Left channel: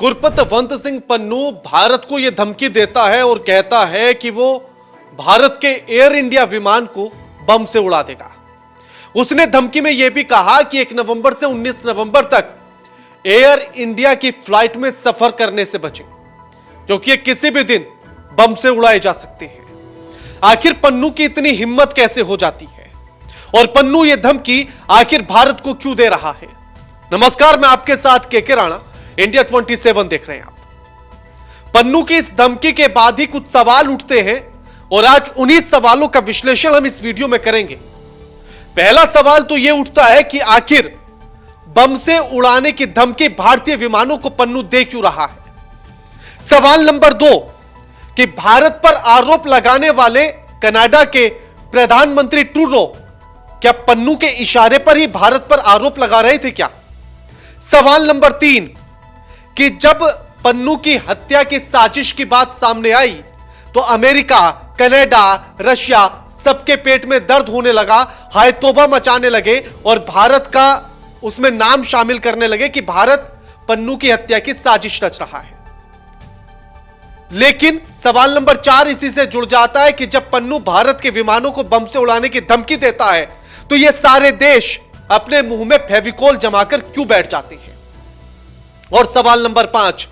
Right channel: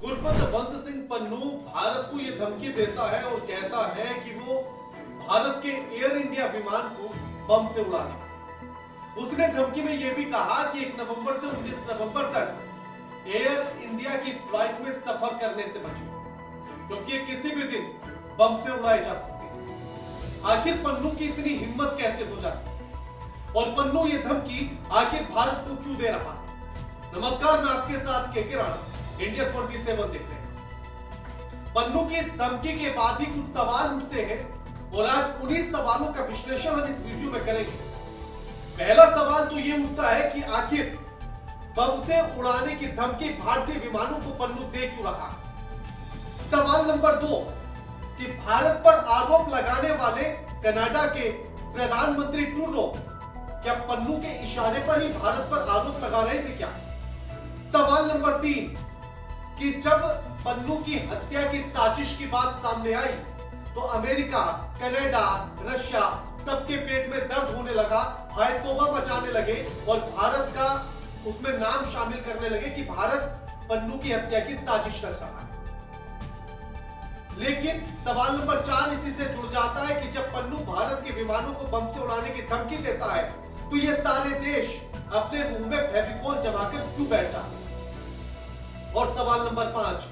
गुरपतवंत सिंह पन्नू भारत को यह धमकी देता है और कहता है कि वो भारत के एयर इंडिया विमान को बम से उड़ा देगा। उसने धमकी में यह भी कहा कि 1 नवंबर से 19 नवंबर तक एयर इंडिया की फ्लाइट में सफर करने से बचे, क्योंकि ये किसी भी दिन बम से उड़ाए जा सकते हैं। आखिर पन्नू की इतनी हिम्मत कैसे हो जाती है और पन्नू ये धमकी आखिर भारत को क्यों दे रहा है? नमस्कार, मैं आपके साथ के राणा, इंडिया 27 देख रहे हैं आप। पन्नू की इस धमकी के बाद ही कुछ सवाल उठते हैं और आज उन्हीं सवालों का विश्लेषण हम इस वीडियो में करेंगे। पहला सवाल तो यह उठता है कि आखिर बम से उड़ाने की धमकी भारतीय विमानों को पन्नू दे क्यों रहा है। सवाल नंबर 2 कि भारत पर आरोप लगाने वाले कनाडा के प्रधानमंत्री ट्रूडो क्या पन्नू के इशारे पर ही भारत पर आरोप लगा रहे थे क्या? सवाल नंबर 3 कि जब पन्नू की हत्या की साजिश की बात सामने आई तो अमेरिका, कनाडा, रशिया सबके पेट में दर्द होने लगा, हाय तौबा मचाने लगे और भारत का उसमें नाम शामिल करने लगे कि भारत पन्नू की हत्या की साजिश रच रहा है। लेकिन सवाल नंबर 4 इसी से जुड़ जाता है कि जब पन्नू भारत के विमानों को बम से उड़ाने की धमकी देता है तो ये सारे देश अपने मुंह में फेविकोल जमाकर क्यों बैठ जाते हैं। और सवाल नंबर 5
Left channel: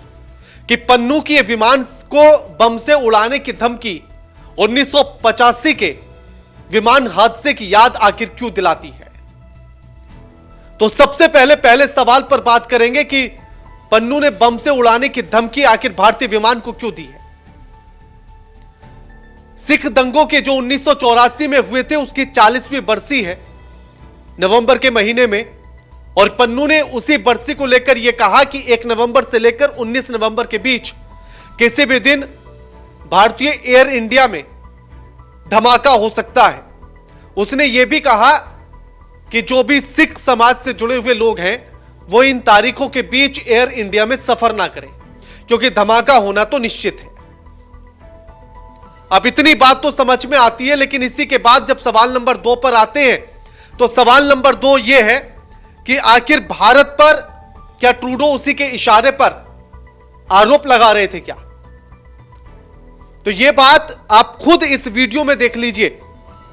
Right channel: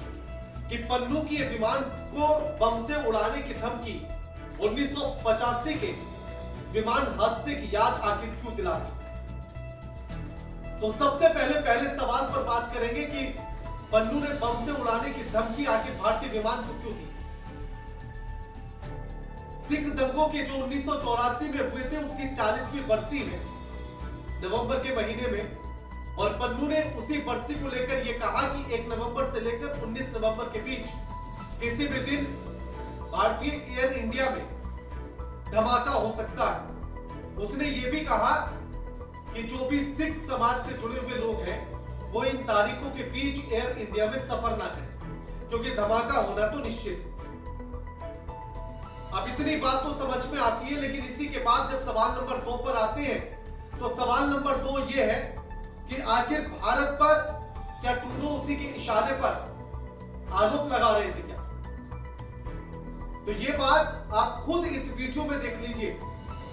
कि पन्नू की विमान को बम से उड़ाने की धमकी 1985 के विमान हादसे की याद आखिर क्यों दिलाती है। तो सबसे पहले सवाल पर बात करेंगे कि पन्नू ने बम से उड़ाने की धमकी आखिर भारतीय विमान को क्यों दी है। सिख दंगों के जो 1984 में हुए थे उसकी 40वीं बरसी है नवंबर के महीने में, और पन्नू ने उसी बरसी को लेकर यह कहा कि 1 नवंबर से लेकर 19 नवंबर के बीच किसी भी दिन भारतीय एयर इंडिया में धमाका हो सकता है। उसने यह भी कहा कि जो भी सिख समाज से जुड़े हुए लोग हैं वो इन तारीखों के बीच एयर इंडिया में सफर ना करें, क्योंकि धमाका होना तो निश्चित है। अब इतनी बात तो समझ में आती है, लेकिन इसी के बाद जब सवाल नंबर 2 पर आते हैं तो सवाल नंबर 2 यह है कि आखिर भारत पर क्या ट्रूडो उसी के इशारे पर आरोप लगा रहे थे क्या? तो यह बात आप खुद इस वीडियो में देख लीजिए,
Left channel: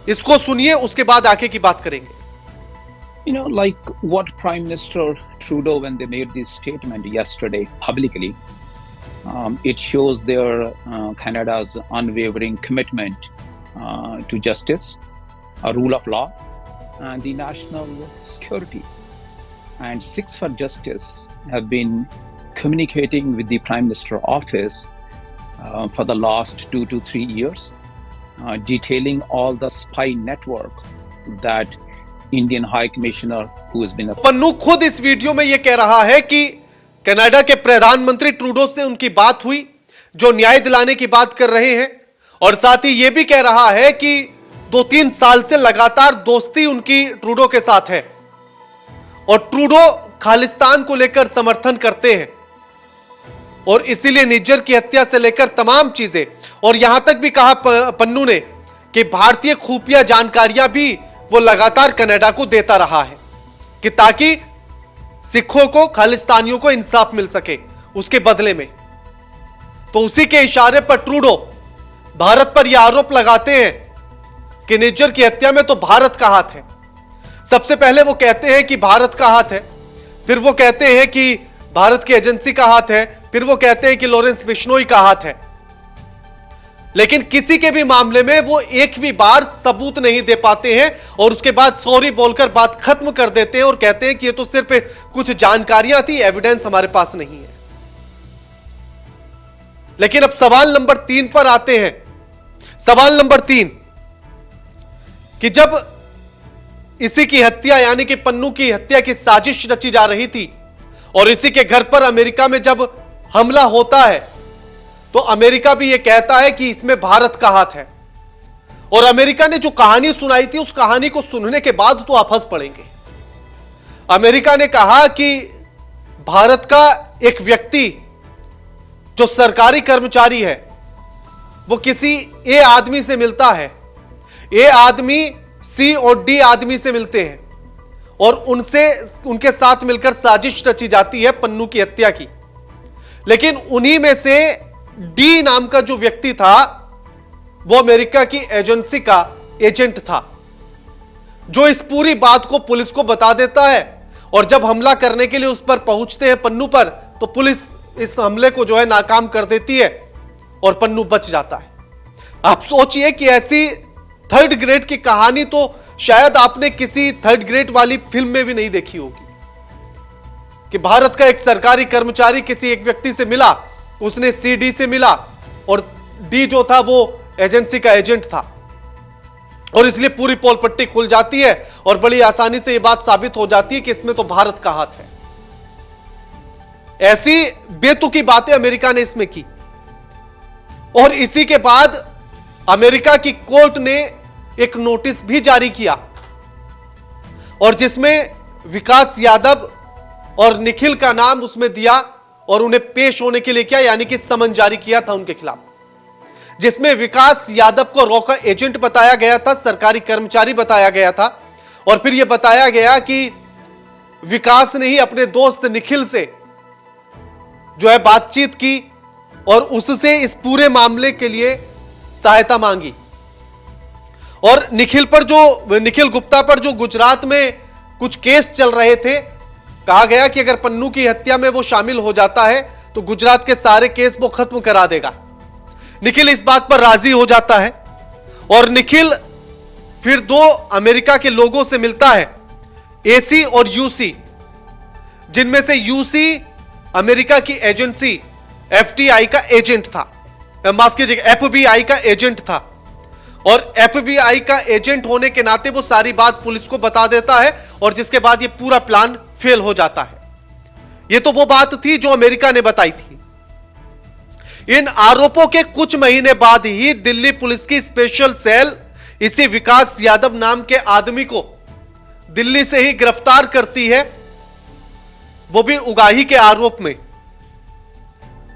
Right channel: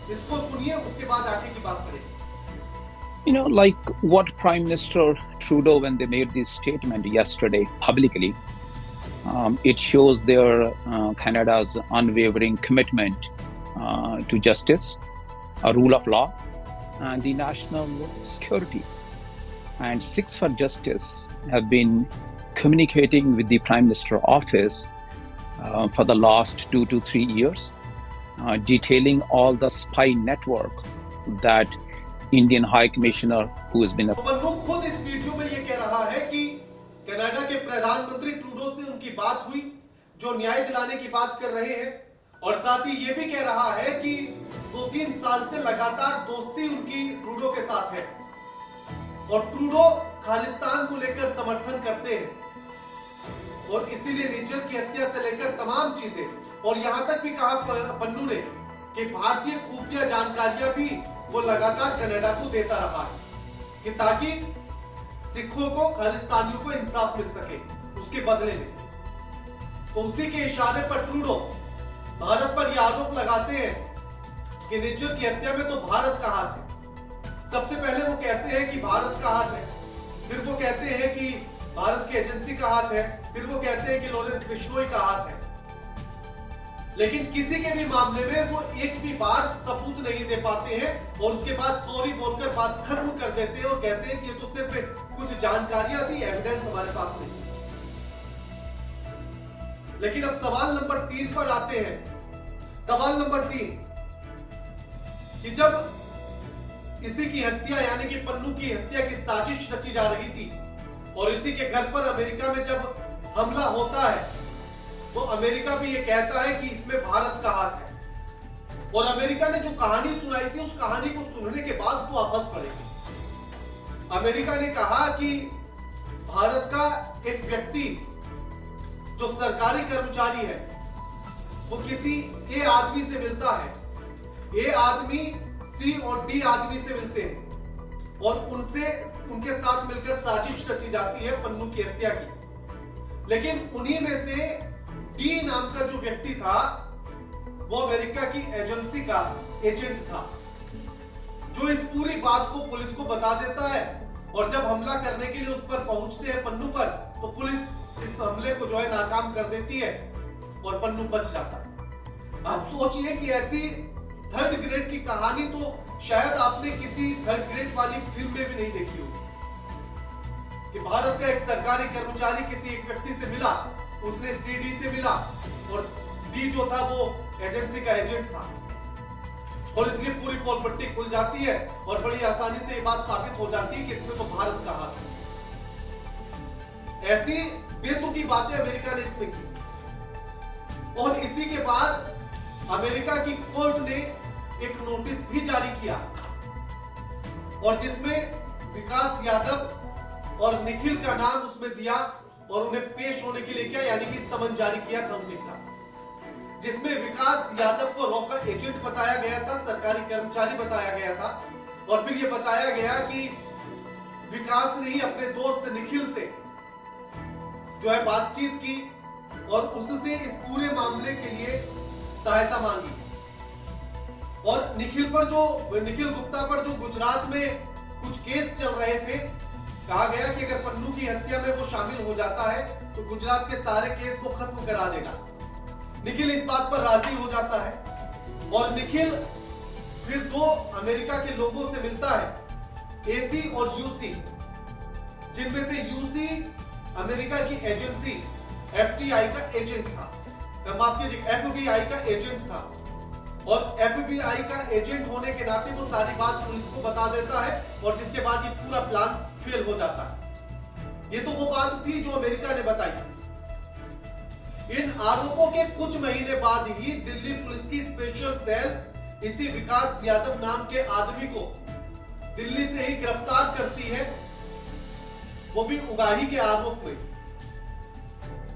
इसको सुनिए, उसके बाद आगे की बात करेंगे। Like what Prime Minister Trudeau, when they made this statement yesterday publicly, it shows their Canada's unwavering commitment to justice, a rule of law, and the national security. And Sikhs for Justice have been communicating with the Prime Minister office for the last 2 to 3 years, detailing all the spy network that Indian High Commissioner who has been Pannu खुद इस video में यह कह रहा है कि Canada के प्रधानमंत्री ट्रूडो से उनकी बात हुई जो न्याय दिलाने की बात कर रहे हैं, और साथ ही यह भी कह रहा है कि 2-3 साल से लगातार दोस्ती उनकी ट्रूडो के साथ है और ट्रूडो खालिस्तान को लेकर समर्थन करते हैं और इसीलिए निज्जर की हत्या से लेकर तमाम चीजें, और यहां तक भी कहा पन्नू ने कि भारतीय खुफिया जानकारियां भी वो लगातार कनाडा को देता रहा है कि ताकि सिखों को, खालिस्तानियों को इंसाफ मिल सके उसके बदले में। तो उसी के इशारे पर ट्रूडो भारत पर यह आरोप लगाते हैं कि निज्जर की हत्या में तो भारत का हाथ है। सबसे पहले वो कहते हैं कि भारत का हाथ है, फिर वो कहते हैं कि भारत की एजेंसी का हाथ है, फिर वो कहते हैं कि लॉरेंस बिश्नोई का हाथ है। लेकिन किसी के भी मामले में वो एक भी बार सबूत नहीं दे पाते हैं और उसके बाद सॉरी बोलकर बात खत्म कर देते हैं और कहते हैं कि ये तो सिर्फ कुछ जानकारियां थी, एविडेंस हमारे पास नहीं है। लेकिन अब सवाल नंबर 3 पर आते हैं। सवाल नंबर 3 कि जब इसी की हत्या यानी कि पन्नू की हत्या की साजिश रची जा रही थी और इसी के घर पर अमेरिका में जब हमला होता है तो अमेरिका भी यह कहता है कि इसमें भारत का हाथ है, और अमेरिका ने जो कहानी सुनाई थी उस कहानी को सुनने के बाद तो आप हंस पड़ेंगे। अमेरिका ने कहा कि भारत का एक व्यक्ति जो सरकारी कर्मचारी है वो किसी ए आदमी से मिलता है, ए आदमी सी और डी आदमी से मिलते हैं और उनके साथ मिलकर साजिश रची जाती है पन्नू की हत्या की। लेकिन उन्हीं में से डी नाम का जो व्यक्ति था वो अमेरिका की एजेंसी का एजेंट था, जो इस पूरी बात को पुलिस को बता देता है। और जब हमला करने के लिए उस पर पहुंचते हैं पन्नू पर, तो पुलिस इस हमले को जो है नाकाम कर देती है और पन्नू बच जाता है। आप सोचिए कि ऐसी थर्ड ग्रेड की कहानी तो शायद आपने किसी थर्ड ग्रेड वाली फिल्म में भी नहीं देखी होगी, कि भारत का एक सरकारी कर्मचारी किसी एक व्यक्ति से मिला, उसने सीडी से मिला और डी जो था वो एजेंसी का एजेंट था, और इसलिए पूरी पोल पट्टी खुल जाती है और बड़ी आसानी से यह बात साबित हो जाती है कि इसमें तो भारत का हाथ है। ऐसी बेतुकी बातें अमेरिका ने इसमें की, और इसी के बाद अमेरिका की कोर्ट ने एक नोटिस भी जारी किया, और जिसमें विकास यादव और निखिल का नाम उसमें दिया और उन्हें पेश होने के लिए क्या, यानी कि समन जारी किया था उनके खिलाफ, जिसमें विकास यादव को रॉ का एजेंट बताया गया था, सरकारी कर्मचारी बताया गया था, और फिर यह बताया गया कि विकास ने ही अपने दोस्त निखिल से जो है बातचीत की और उससे इस पूरे मामले के लिए सहायता मांगी। और निखिल गुप्ता पर जो गुजरात में कुछ केस चल रहे थे, कहा गया कि अगर पन्नू की हत्या में वो शामिल हो जाता है तो गुजरात के सारे केस वो खत्म करा देगा। निखिल इस बात पर राजी हो जाता है और निखिल फिर दो अमेरिका के लोगों से मिलता है, एसी और यूसी, जिनमें से यूसी अमेरिका की एजेंसी एफटीआई का एजेंट था, माफ कीजिएगा एफबीआई का एजेंट था, और एफबीआई का एजेंट होने के नाते वो सारी बात पुलिस को बता देता है, और जिसके बाद ये पूरा प्लान फेल हो जाता है। ये तो वो बात थी जो अमेरिका ने बताई थी। इन आरोपों के कुछ महीने बाद ही दिल्ली पुलिस की स्पेशल सेल इसी विकास यादव नाम के आदमी को दिल्ली से ही गिरफ्तार करती है, वो भी उगाही के आरोप में।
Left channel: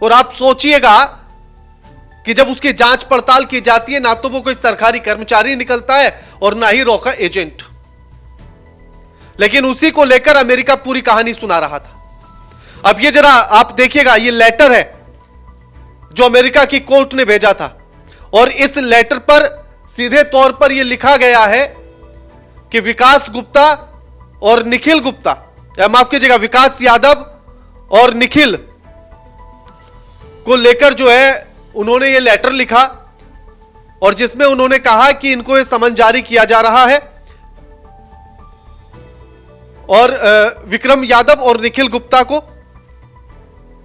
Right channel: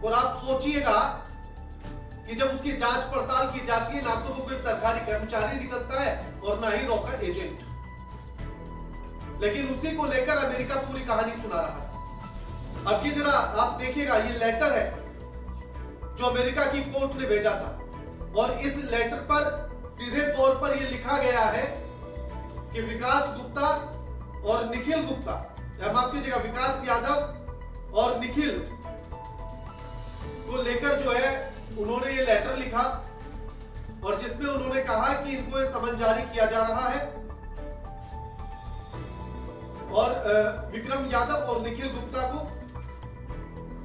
और आप सोचिएगा कि जब उसकी जांच पड़ताल की जाती है, ना तो वो कोई सरकारी कर्मचारी निकलता है और ना ही रॉ का एजेंट, लेकिन उसी को लेकर अमेरिका पूरी कहानी सुना रहा था। अब ये जरा आप देखिएगा, ये लेटर है जो अमेरिका की कोर्ट ने भेजा था, और इस लेटर पर सीधे तौर पर यह लिखा गया है कि विकास गुप्ता और निखिल गुप्ता, माफ कीजिएगा विकास यादव और निखिल को लेकर जो है उन्होंने ये लेटर लिखा, और जिसमें उन्होंने कहा कि इनको ये समन जारी किया जा रहा है और विक्रम यादव और निखिल गुप्ता को,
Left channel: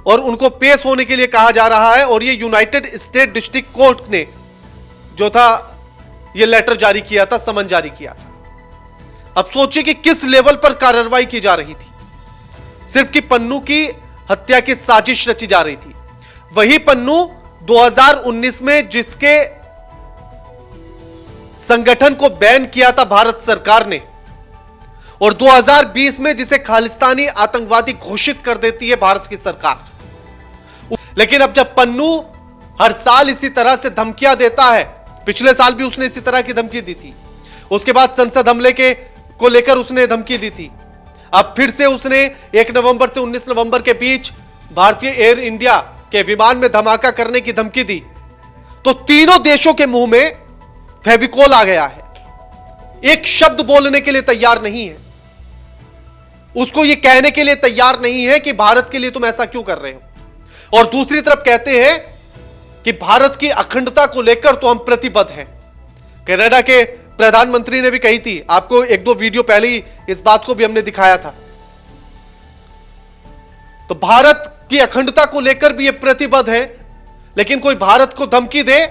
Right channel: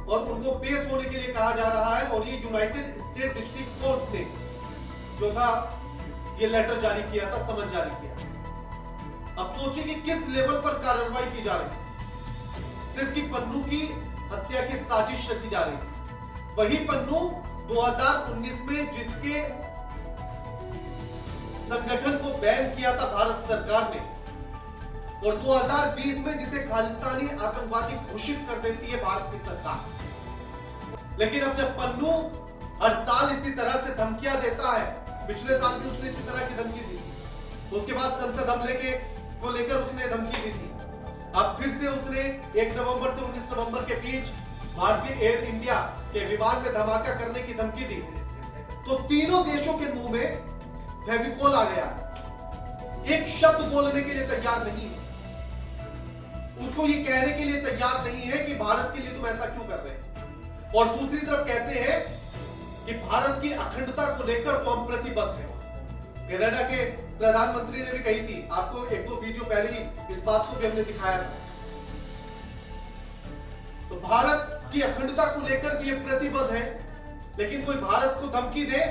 और उनको पेश होने के लिए कहा जा रहा है। और ये यूनाइटेड स्टेट डिस्ट्रिक्ट कोर्ट ने जो था ये लेटर जारी किया था, समन जारी किया था। अब सोचिए कि किस लेवल पर कार्रवाई की जा रही थी। सिर्फ कि पन्नू की हत्या की साजिश रची जा रही थी। वही पन्नू 2019 में जिसके संगठन को बैन किया था भारत सरकार ने, और 2020 में जिसे खालिस्तानी आतंकवादी घोषित कर देती है भारत की सरकार। लेकिन अब जब पन्नू हर साल इसी तरह से धमकियां देता है, पिछले साल भी उसने इसी तरह की धमकी दी थी, उसके बाद संसद हमले को लेकर उसने धमकी दी थी, अब फिर से उसने 1 नवंबर से 19 नवंबर के बीच भारतीय एयर इंडिया के विमान में धमाका करने की धमकी दी, तो तीनों देशों के मुंह में फेविकोल आ गया है। एक शब्द बोलने के लिए तैयार नहीं है, उसको यह कहने के लिए तैयार नहीं है कि भारत के लिए तुम ऐसा क्यों कर रहे हो। और दूसरी तरफ कहते हैं कि भारत की अखंडता को लेकर तो हम प्रतिबद्ध हैं। कनाडा के प्रधानमंत्री ने भी कही थी, आपको 1-2 वीडियो पहले ही इस बात को भी हमने दिखाया था। तो भारत की अखंडता को लेकर भी ये प्रतिबद्ध है, लेकिन कोई भारत को धमकी दे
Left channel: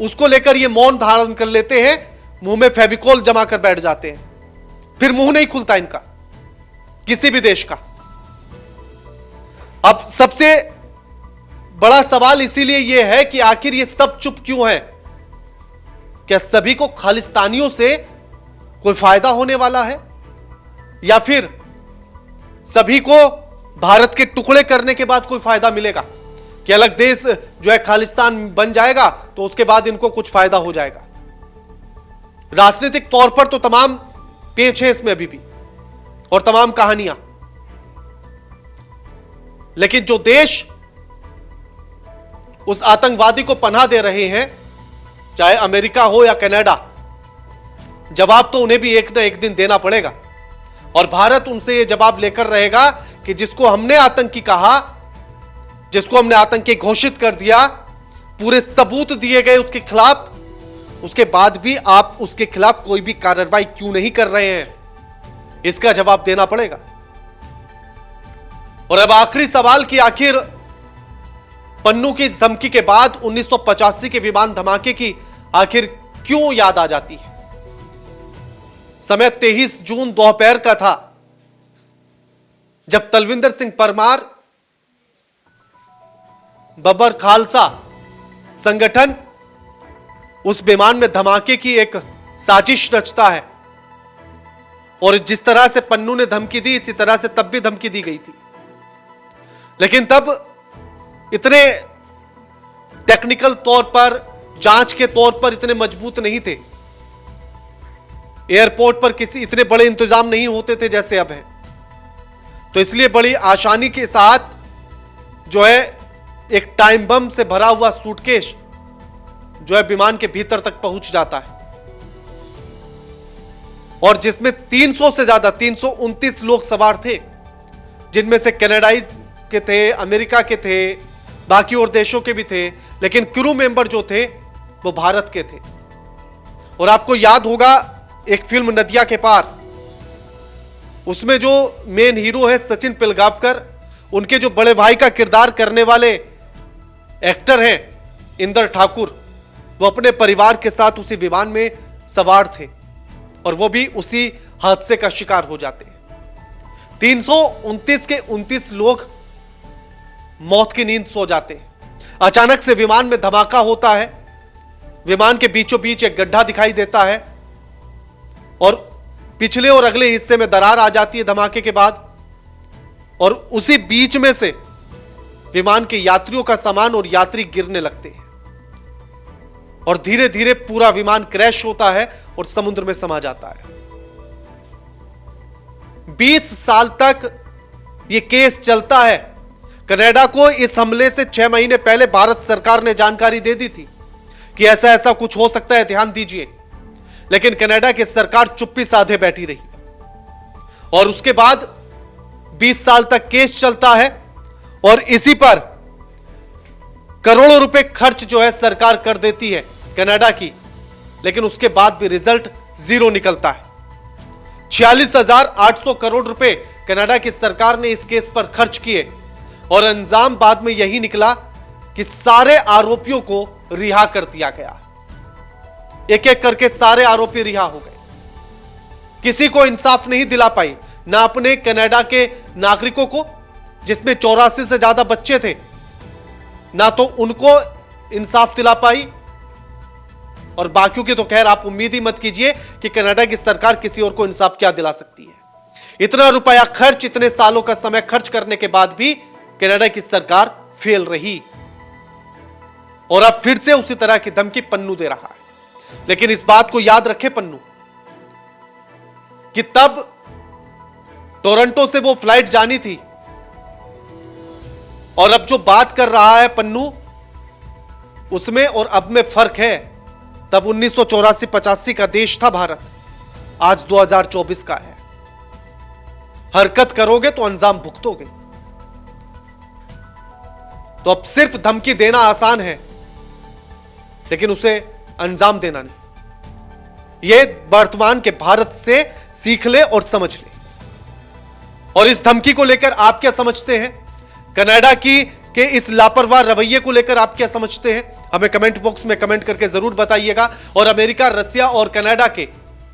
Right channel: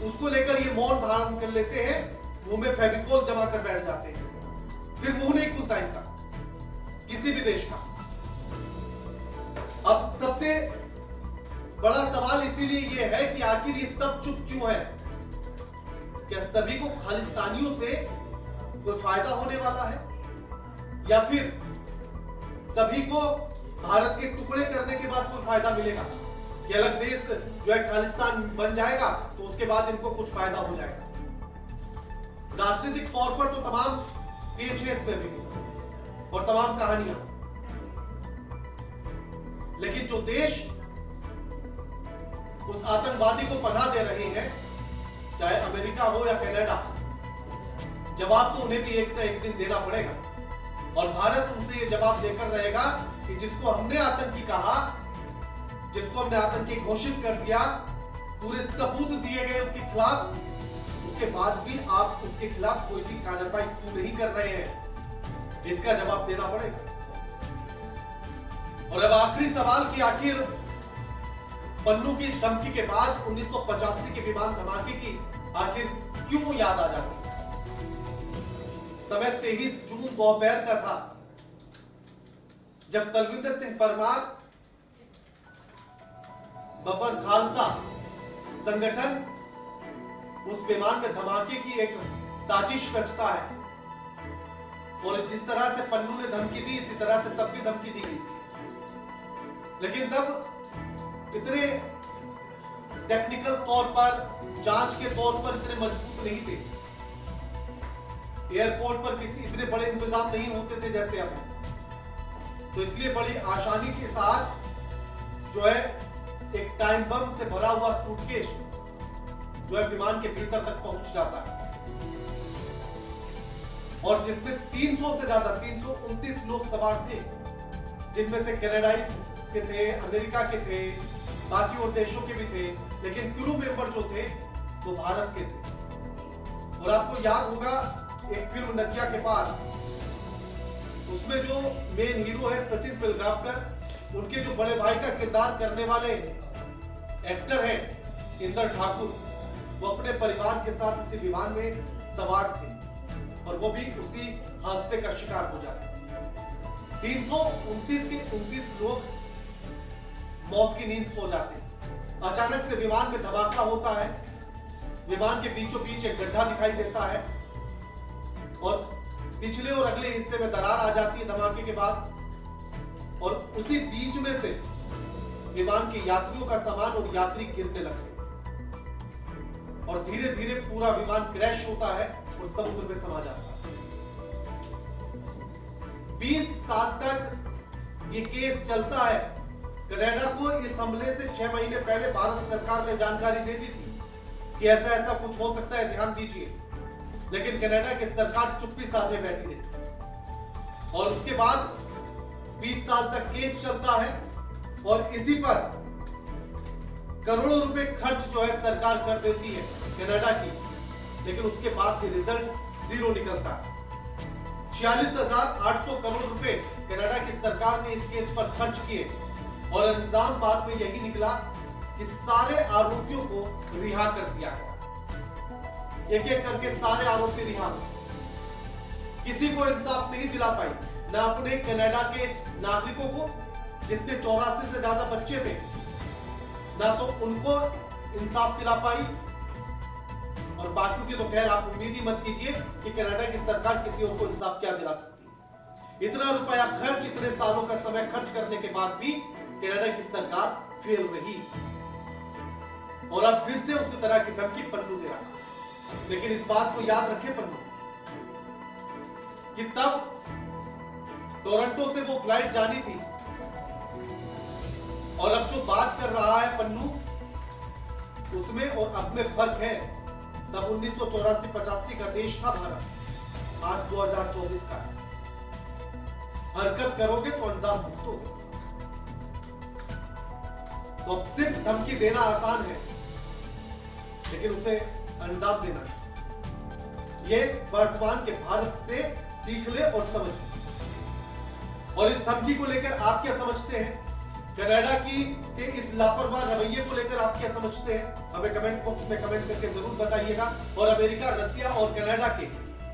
उसको लेकर ये मौन धारण कर लेते हैं, मुंह में फेविकोल जमा कर बैठ जाते हैं, फिर मुंह नहीं खुलता इनका किसी भी देश का। अब सबसे बड़ा सवाल इसीलिए यह है कि आखिर ये सब चुप क्यों है। क्या सभी को खालिस्तानियों से कोई फायदा होने वाला है, या फिर सभी को भारत के टुकड़े करने के बाद कोई फायदा मिलेगा कि अलग देश जो है खालिस्तान बन जाएगा तो उसके बाद इनको कुछ फायदा हो जाएगा। राजनीतिक तौर पर तो तमाम पेच है इसमें अभी भी और तमाम कहानियां, लेकिन जो देश उस आतंकवादी को पनाह दे रहे हैं, चाहे अमेरिका हो या कनाडा, जवाब तो उन्हें भी एक ना एक दिन देना पड़ेगा। और भारत उनसे यह जवाब लेकर रहेगा कि जिसको हमने आतंकी कहा, जिसको हमने आतंकी घोषित कर दिया, पूरे सबूत दिए गए उसके खिलाफ, उसके बाद भी आप उसके खिलाफ कोई भी कार्रवाई क्यों नहीं कर रहे हैं, इसका जवाब देना पड़ेगा। और अब आखिरी सवाल कि आखिर पन्नू की इस धमकी के बाद 1985 के विमान धमाके की आखिर क्यों याद आ जाती है। समय 23 जून दोपहर का था जब तलविंदर सिंह परमार, बब्बर खालसा संगठन उस विमान में धमाके की एक साजिश रचता है। और जिस तरह से पन्नू ने धमकी दी, इसी तरह से तब भी धमकी दी गई थी। लेकिन तब इतने टेक्निकल तौर पर, जांच के तौर पर इतने मजबूत नहीं थे। एयरपोर्ट पर किसी इतने बड़े इंतजाम नहीं होते थे जैसे अब है। तो इसलिए बड़ी आसानी के साथ जो है एक टाइम बम से भरा हुआ सूटकेस जो है विमान के भीतर तक पहुंच जाता है, और जिसमें 300 से ज्यादा 329 लोग सवार थे, जिनमें से कनाडाई के थे, अमेरिका के थे, बाकी और देशों के भी थे, लेकिन क्रू मेंबर जो थे वो भारत के थे। और आपको याद होगा एक फिल्म नदिया के पार, उसमें जो मेन हीरो है सचिन पिलगावकर, उनके जो बड़े भाई का किरदार करने वाले एक्टर हैं इंदर ठाकुर, वो अपने परिवार के साथ उसी विमान में सवार थे और वो भी उसी हादसे का शिकार हो जाते। 329 के 29 लोग मौत की नींद सो जाते हैं। अचानक से विमान में धमाका होता है, विमान के बीचों बीच एक गड्ढा दिखाई देता है और पिछले और अगले हिस्से में दरार आ जाती है धमाके के बाद, और उसी बीच में से विमान के यात्रियों का सामान और यात्री गिरने लगते हैं और धीरे धीरे पूरा विमान क्रैश होता है और समुद्र में समा जाता है। 20 साल तक यह केस चलता है। कनाडा को इस हमले से 6 महीने पहले भारत सरकार ने जानकारी दे दी थी कि ऐसा ऐसा कुछ हो सकता है, ध्यान दीजिए। लेकिन कनाडा की सरकार चुप्पी साधे बैठी रही और उसके बाद 20 साल तक केस चलता है और इसी पर करोड़ों रुपए खर्च जो है सरकार कर देती है कनाडा की, लेकिन उसके बाद भी रिजल्ट जीरो निकलता है। 46,800 करोड़ रुपए कनाडा की सरकार ने इस केस पर खर्च किए और अंजाम बाद में यही निकला कि सारे आरोपियों को रिहा कर दिया गया। एक एक करके सारे आरोपी रिहा हो गए। किसी को इंसाफ नहीं दिला पाई, ना अपने कनाडा के नागरिकों को जिसमें 84 से ज्यादा बच्चे थे, ना तो उनको इंसाफ दिला पाई, और बाकियों की तो खैर आप उम्मीद ही मत कीजिए कि कनाडा की सरकार किसी और को इंसाफ क्या दिला सकती है। इतना रुपया खर्च, इतने सालों का समय खर्च करने के बाद भी कनाडा की सरकार फेल रही और अब फिर से उसी तरह की धमकी पन्नू दे रहा है। लेकिन इस बात को याद रखे पन्नू कि तब टोरंटो से वो फ्लाइट जानी थी और अब जो बात कर रहा है पन्नू, उसमें और अब में फर्क है। तब 1984-85 का देश था भारत, आज 2024 का है। हरकत करोगे तो अंजाम भुगतोगे। तो अब सिर्फ धमकी देना आसान है, लेकिन उसे अंजाम देना नहीं। यह वर्तमान के भारत से सीख ले और समझ ले। और इस धमकी को लेकर आप क्या समझते हैं? कनाडा के इस लापरवाह रवैये को लेकर आप क्या समझते हैं? हमें कमेंट बॉक्स में कमेंट करके जरूर बताइएगा। और अमेरिका, रसिया और कनाडा के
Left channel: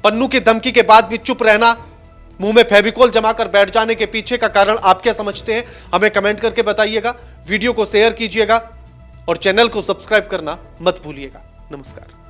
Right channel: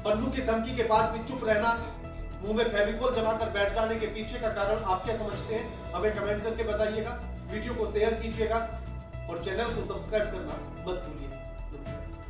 पन्नू की धमकी के बाद भी चुप रहना, मुंह में फेविकोल जमाकर बैठ जाने के पीछे का कारण आप क्या समझते हैं? हमें कमेंट करके बताइएगा। वीडियो को शेयर कीजिएगा और चैनल को सब्सक्राइब करना मत भूलिएगा। नमस्कार।